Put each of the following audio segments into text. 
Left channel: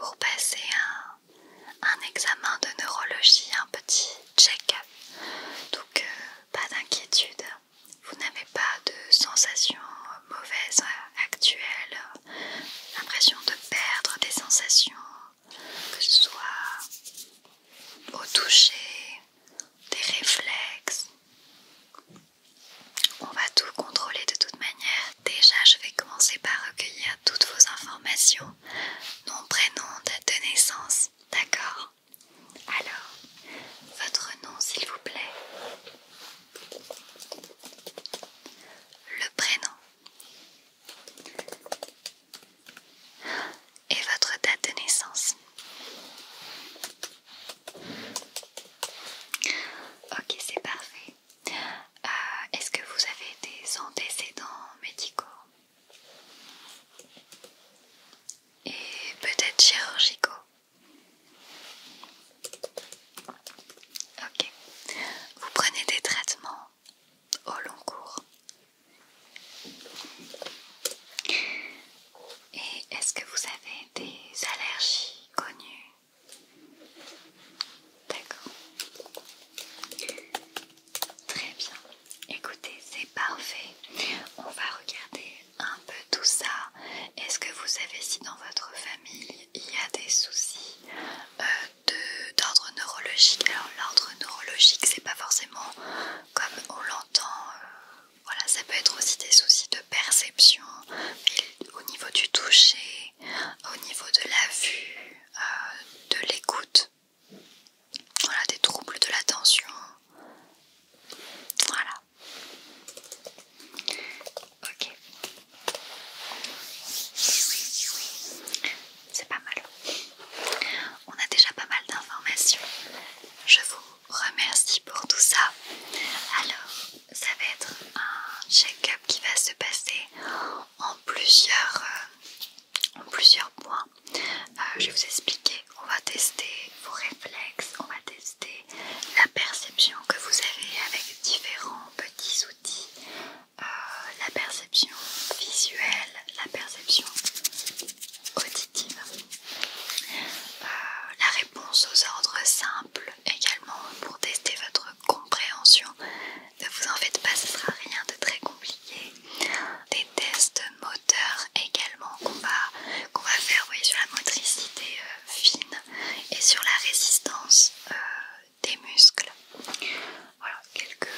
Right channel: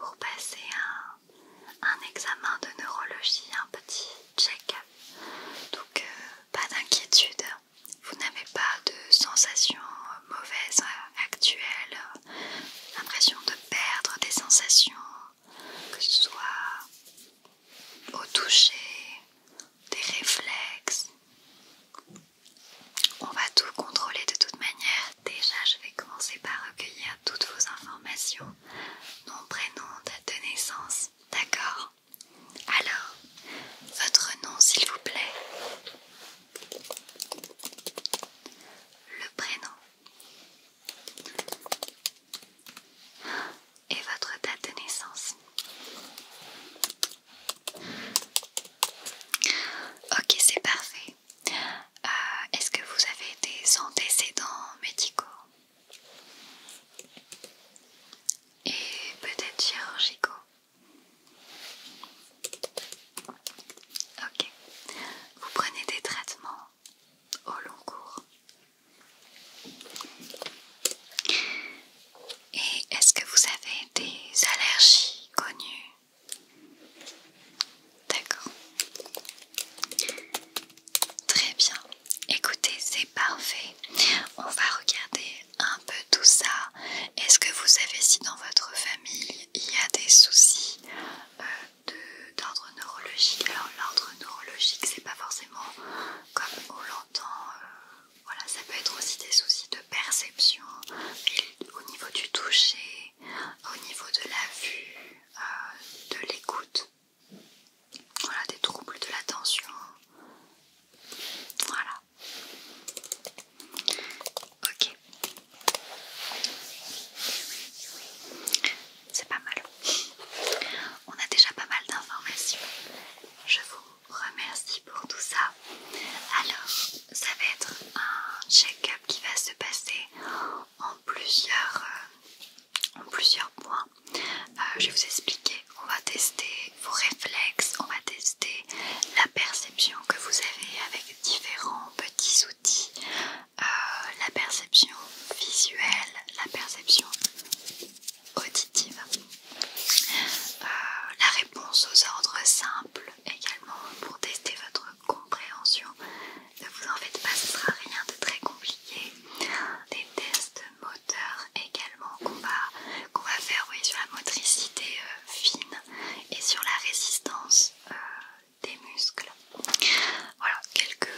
pour passer un examen de neurologie, un petit check-up. Donc pas d'inquiétude, vous n'avez pas de sensations mauvaises actuelles, l'impression de perdre des sensations, que ce soit au toucher, des réflexes. On va tout contrôler de toute manière. Déjà, je vais commencer par recueillir toutes vos informations, nom, prénom, date de naissance, d'accord? Alors, votre nom s'il vous plaît, le prénom et votre date de naissance. Ok, c'est parfait. Est-ce que vous avez des antécédents médicaux et peut-être chirurgicaux? Ok. Vous prenez des traitements au long cours? Et est-ce que vous avez des allergies connues? D'accord. Très bien. Écoutez, c'est parfait. On va regarder un peu tout ça. Est-ce que vous savez si dans votre famille il y a des soucis d'ordre neurologique? Alors l'ordre neurologique, c'est pas forcément comme on l'entend. Voilà, ça peut être aussi des soucis de perception, mais au niveau du toucher, au niveau de la vue, de l'écoute. Voilà, des troubles de l'attention. Voilà. Ok. C'est pas mal. On a déjà pas mal d'informations. Je vous remercie pour tout ça. Alors, ça va être un check-up qui va se passer en plusieurs points. Je vais vous expliquer. On va tester vos réflexes, on va tester la perception que vous avez avec différents petits outils, la perception visuelle, la perception auditive, la réponse aux ordres simples également pour tester votre compréhension. Ne vous en faites pas, ce sera rien de très compliqué. Des tests moteurs également qu'on va faire, oui, sur la motricité fine et sur la résistance des muscles. Voilà, quelques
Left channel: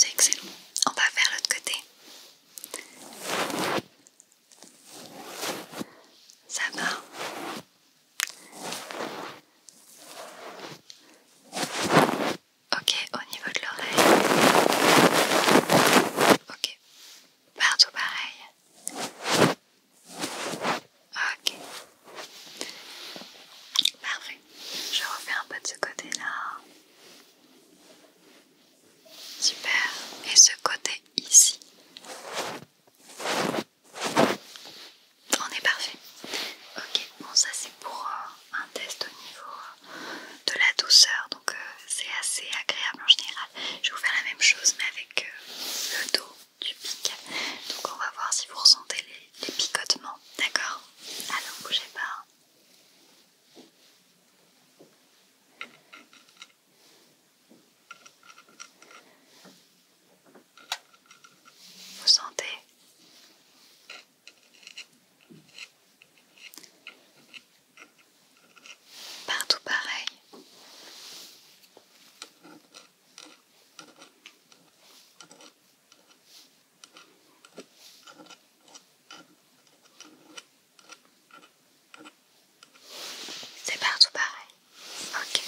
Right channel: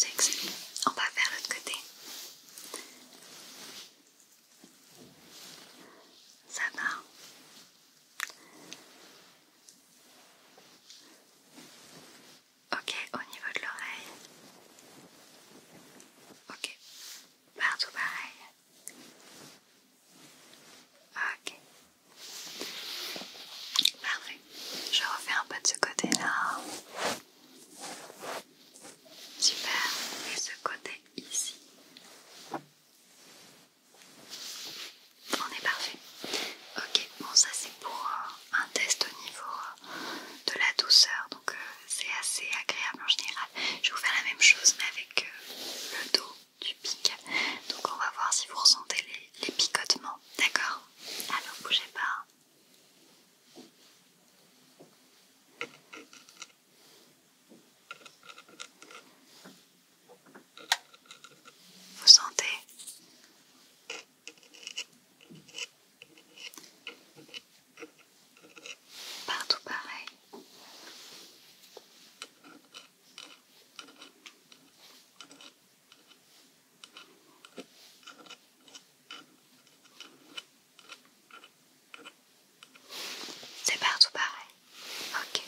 c'est excellent. On va faire l'autre côté. Ça va. Ok, au niveau de l'oreille. Ok, partout pareil. Ok, parfait. Je refais un peu de ce côté-là. Super. Et ce côté ici. On est parfait. Ok, bon ça c'est pour un test au niveau de la douceur, donc c'est assez agréable en général. Je vais vous faire la même chose mais avec le dos du pic. Donc on va voir si vous ressentez les picotements, d'accord? Alors bougez pas. Vous sentez? Partout pareil. C'est partout pareil. Ok.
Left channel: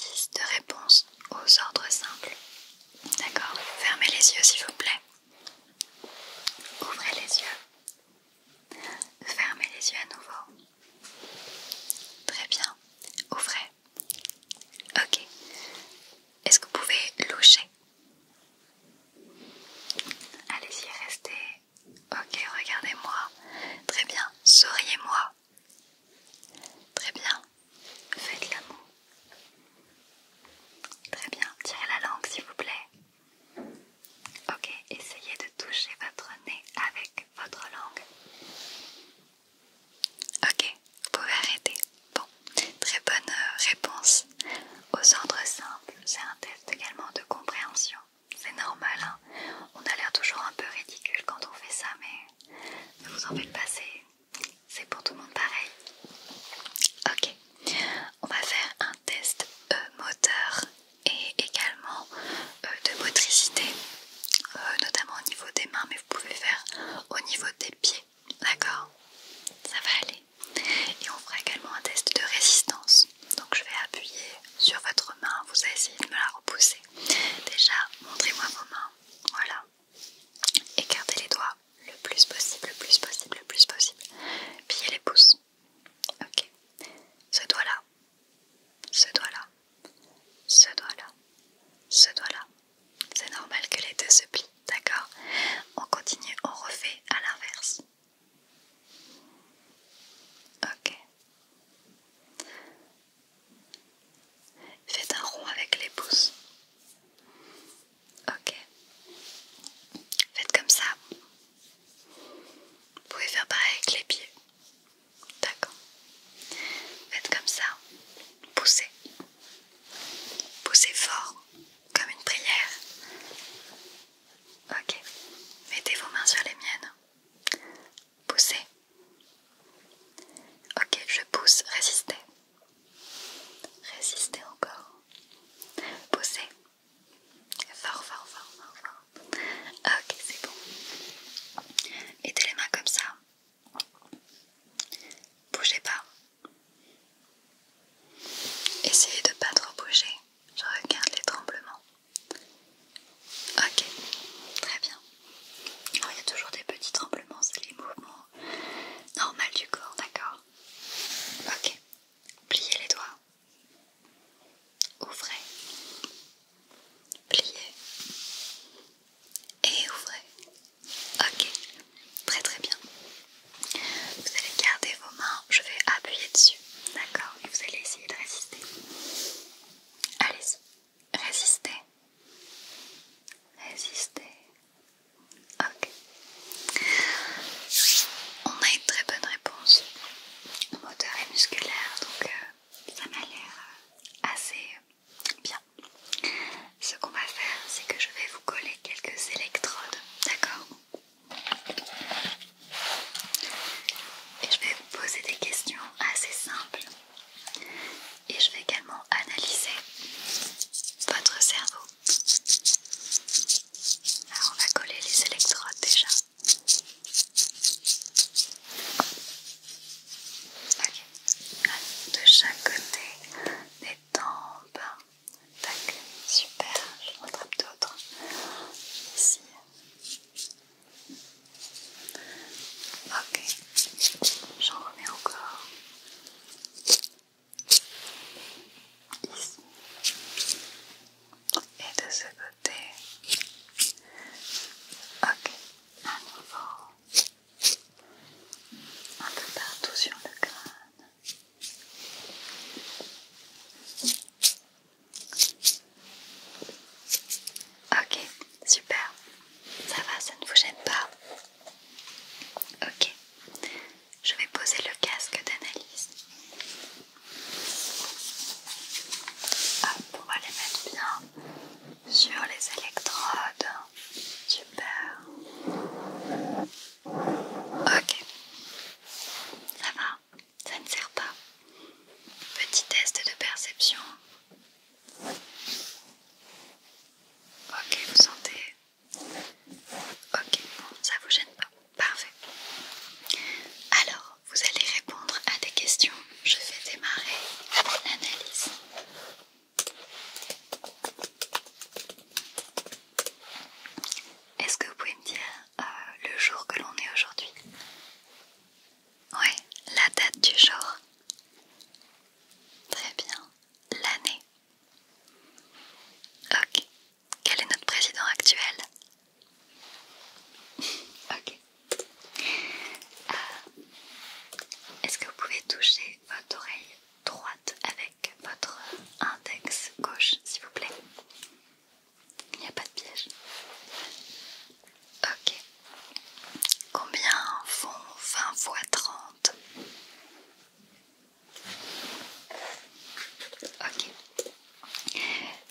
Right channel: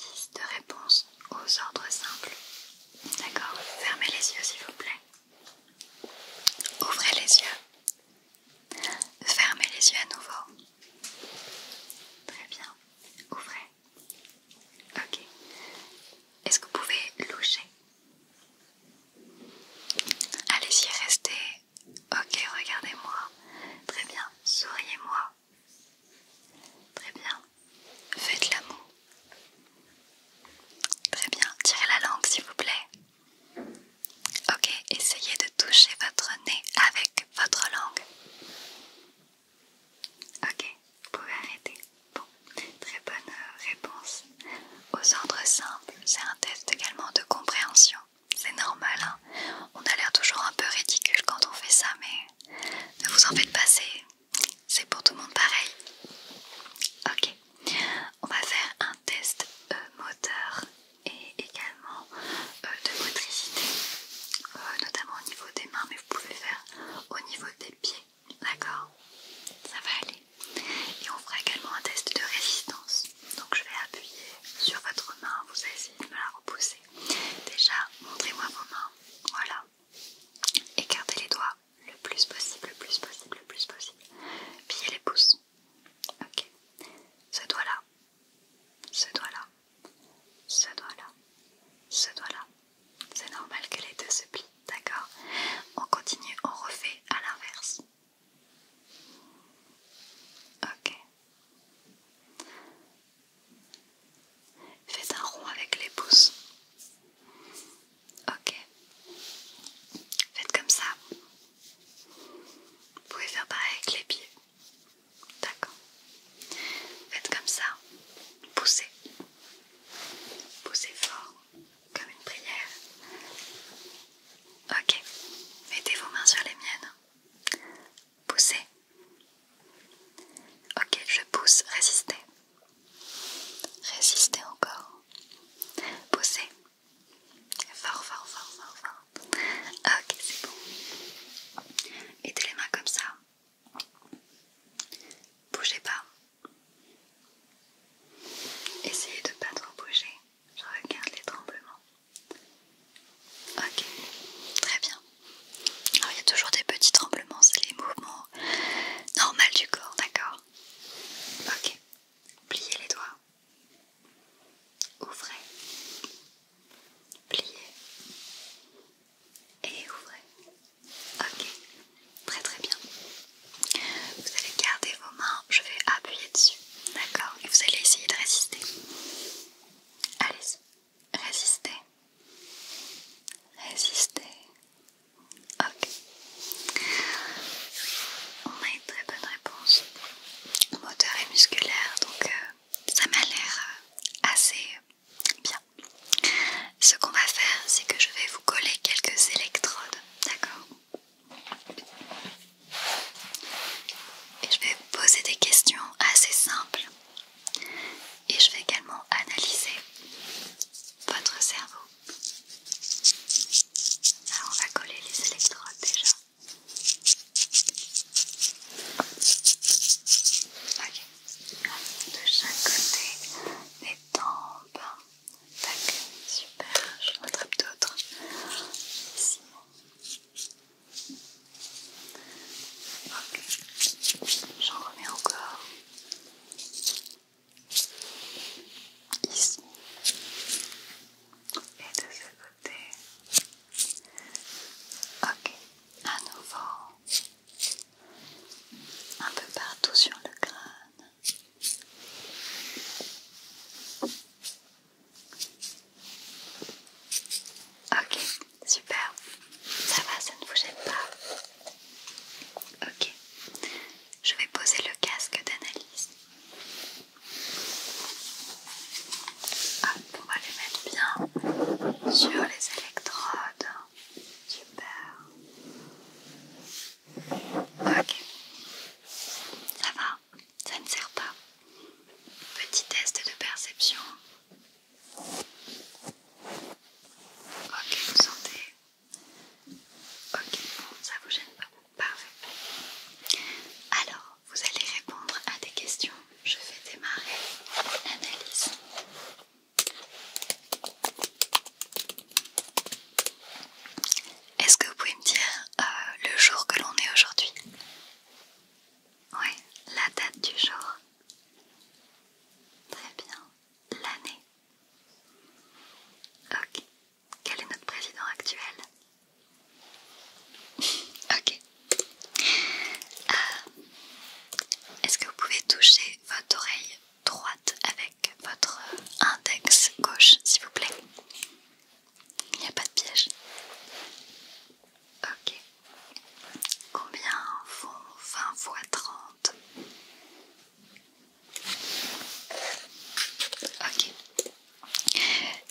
exercice de réponse aux ordres simples. D'accord? Fermez les yeux s'il vous plaît. Ouvrez les yeux. Fermez les yeux à nouveau. Très bien. Ouvrez. Ok. Est-ce que vous pouvez loucher? Allez-y, restez. Ok, regardez-moi. Très bien. Souriez-moi. Très bien. Faites la moue. Très bien. Tirez la langue s'il vous plaît. Ok, essayez de toucher votre nez avec votre langue. Ok, vous pouvez arrêter. Bon, très bonne réponse. Aux ordres simples, c'est un test également de compréhension. C'est normal, hein. On a l'air toujours un peu ridicule quand on fait ça, mais ne vous en faites pas, c'est pour tout le monde pareil. Ok, on va faire un test moteur et également de motricité, notamment au niveau des mains, mais vous pouvez faire au niveau des pieds, d'accord? Ça va aller. Et on fera également un test de résistance. Donc je vais appuyer sur votre main, vous allez essayer de me la repousser. Déjà, montrez-moi vos mains. Voilà. Écartez les doigts le plus possible, le plus possible, le plus possible. Pliez les pouces. Ok. Ce doigt-là. Ce doigt-là. Ce doigt-là. Ce doigt-là. C'est normal que les deux se plient, d'accord? On continue, on refait à l'inverse. Ok. Faites un rond avec les pouces. Ok. Faites comme ça. Vous pouvez faire pareil avec les pieds. D'accord. Faites comme ça. Poussez. Poussez fort, comme une prière. Ok. Mettez vos mains sur les miennes. Poussez. Ok, je pousse. Résistez. Résistez encore. Poussez. Fort, fort, fort, fort, fort. Ok, c'est bon. Mettez les mains comme ça. Bougez pas. Essayez de pas trop bouger. Je regarde les tremblements. Ok, très bien. Alors, il y a toujours des petits tremblements, c'est les mouvements normaux du corps, d'accord? Ok. Pliez les doigts. Ouvrez. Pliez. Et ouvrez. Ok. Très très bien. Vous allez garder vos mains, je vais appuyer dessus. D'accord? Et vous allez essayer de résister. Allez-y. Résistez. Résistez. Ok. On a une très bonne réponse moteur et musculaire, donc ça m'a l'air assez bien. Ce qu'on va faire, c'est que je vais vous coller quelques électrodes, d'accord? Et je vais vous poser des questions assez simples. Et je vais également analyser votre cerveau. Alors on va coller les électrodes déjà. Ok. De chaque côté des tempes. Tac, super.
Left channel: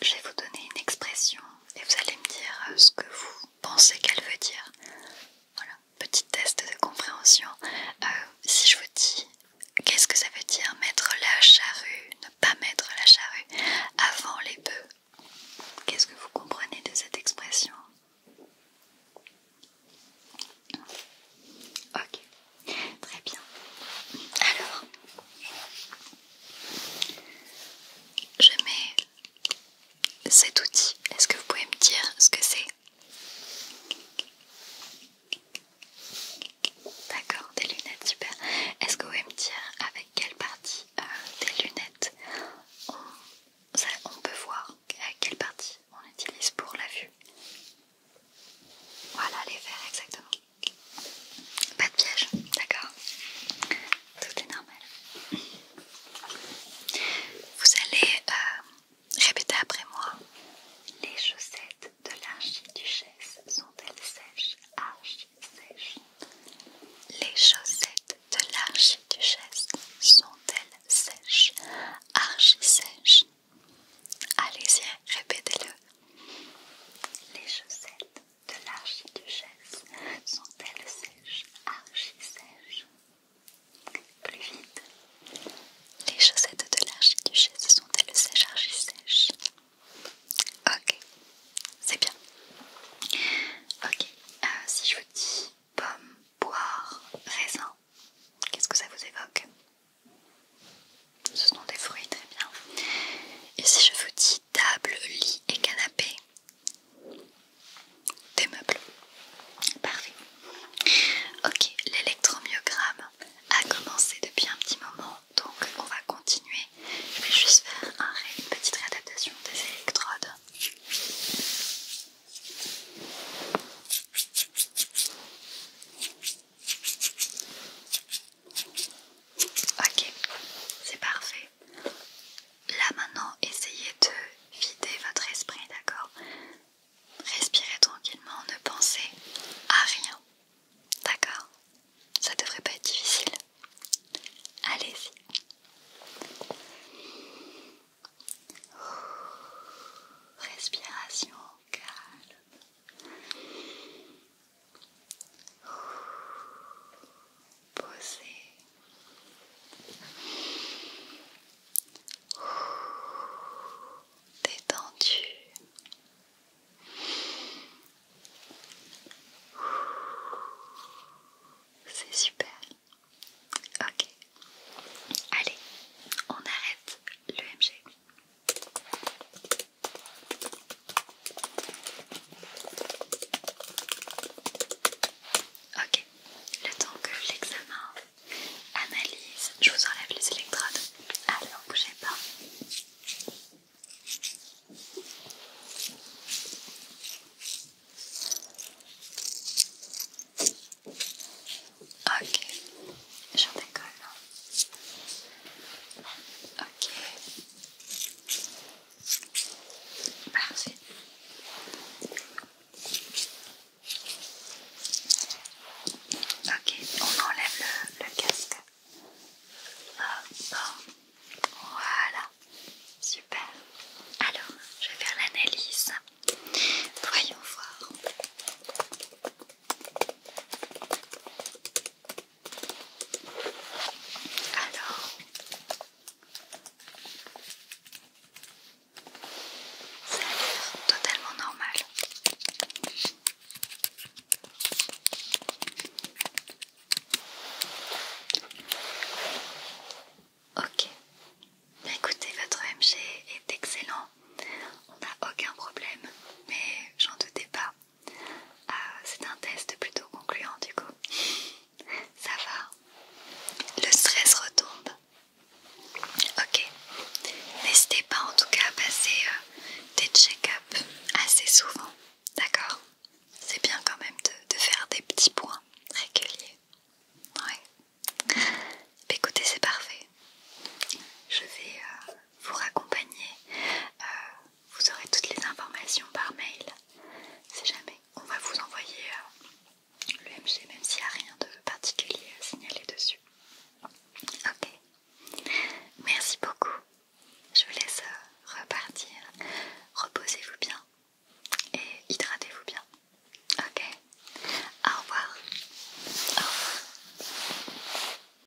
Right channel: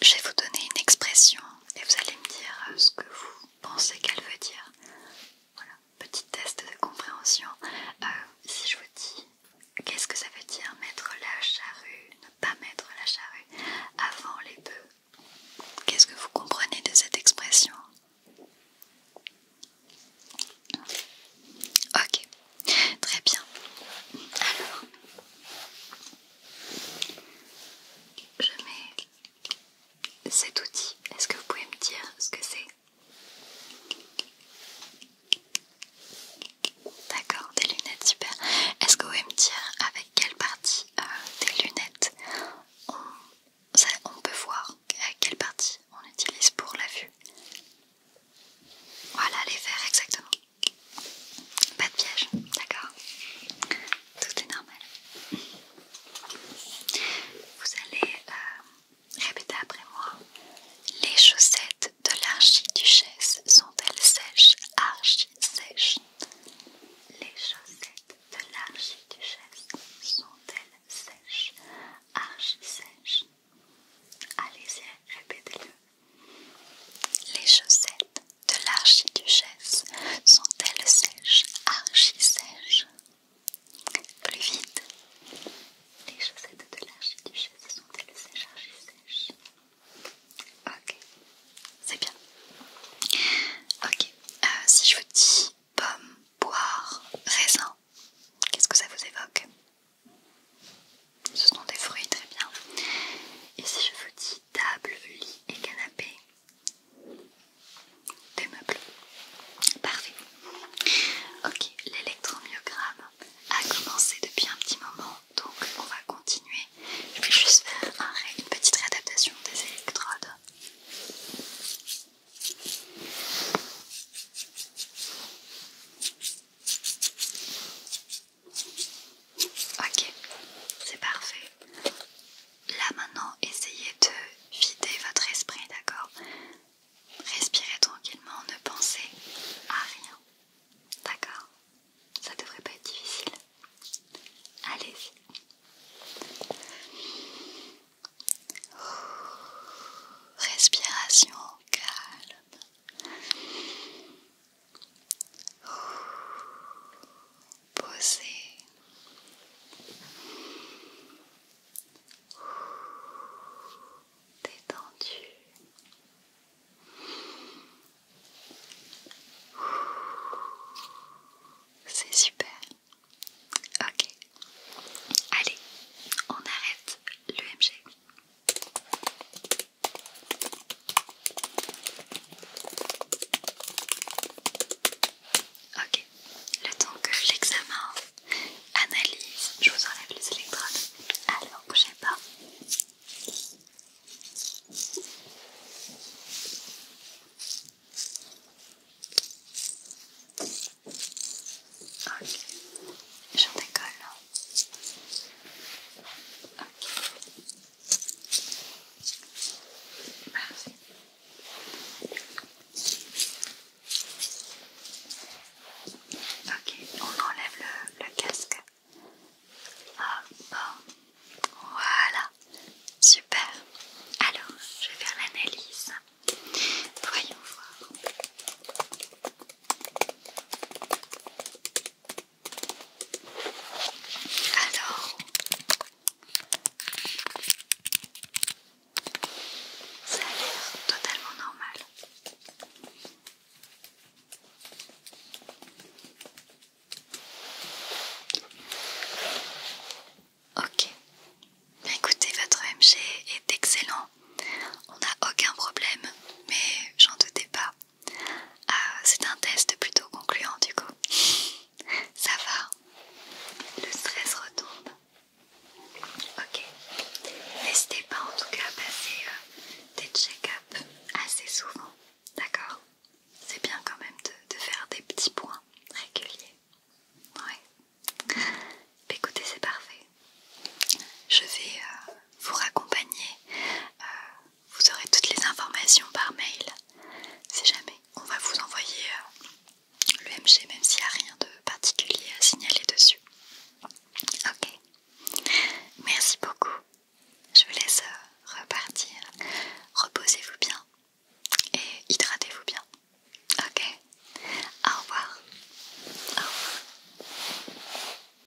je vais vous donner une expression et vous allez me dire ce que vous pensez qu'elle veut dire. Voilà, petit test de compréhension. Si je vous dis qu'est-ce que ça veut dire mettre la charrue, ne pas mettre la charrue avant les bœufs, qu'est-ce que vous comprenez de cette expression? Ok, très bien. Alors, je mets cet outil